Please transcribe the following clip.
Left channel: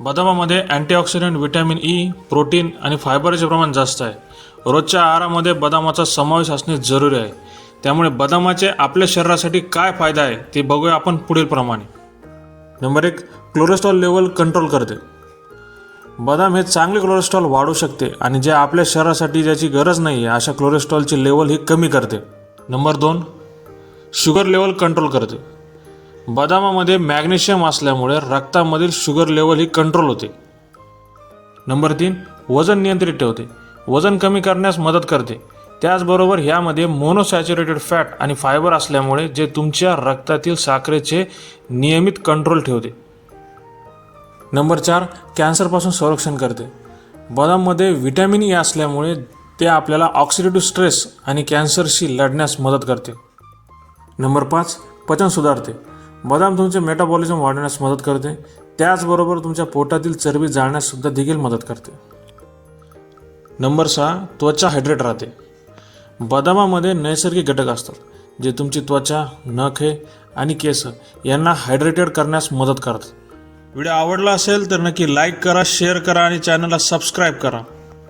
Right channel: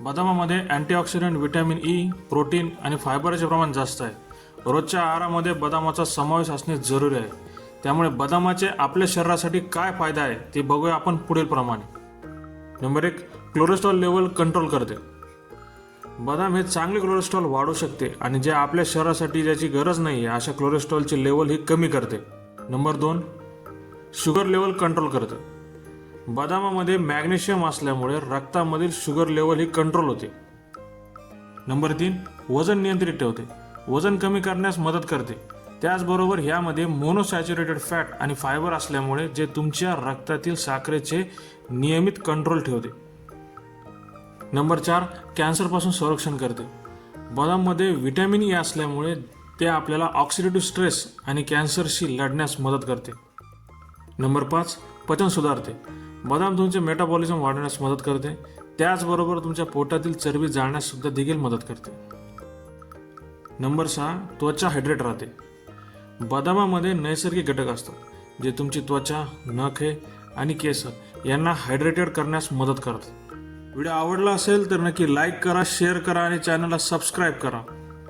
बदामामध्ये antioxidant, vitamin E, protein आणि फायबरचे प्रमाण जास्त आहे. रोजच्या आहारामध्ये बदामाचा समावेश असणे जरुरी आहे. त्यामुळे बदामाचे आपल्या शरीरासाठी काय फायदा आहे ते बघूया आपण पुढील प्रमाणे. नंबर 1, कोलेस्ट्रॉल लेवल कंट्रोल करते. बदाम हे चांगले कोलेस्ट्रॉल वाढवू शकते आणि जे आपल्या शरीरासाठी ज्याची गरज नाही आहे अशा कोलेस्ट्रॉलची लेवल ही कमी करते. नंबर 2, शुगर लेवल कंट्रोल करते. बदामामध्ये मॅग्नेशियम असल्यामुळे रक्तामधील शुगर लेवल ही कंट्रोल होते. नंबर 3, वजन नियंत्रित ठेवते. वजन कमी करण्यास मदत करते. त्याचबरोबर ह्यामध्ये मोनोसॅच्युरेटेड फॅट आणि फायबर असल्यामुळे जे तुमच्या रक्तातील साखरेचे नियमित कंट्रोल ठेवते. नंबर 4, कॅन्सरपासून संरक्षण करते. बदाममध्ये व्हिटॅमिन ई असल्यामुळे ते आपल्याला ऑक्सिडेटिव्ह स्ट्रेस आणि कॅन्सरशी लढण्यास मदत करते. नंबर 5, पचन सुधारते. बदाम तुमचे मेटाबॉलिझम वाढवण्यास मदत करते. त्याचबरोबर तुमच्या पोटातील चरबी जाळण्यास सुद्धा देखील मदत करते. नंबर 6, त्वचा हायड्रेट राहते. बदामामध्ये नैसर्गिक घटक असतात जे तुमची त्वचा, नखे आणि केस यांना हायड्रेटेड करण्यास मदत करतात. व्हिडिओ आवडला असेल तर नक्की लाईक करा, शेअर करा आणि चॅनलला सबस्क्राईब करा.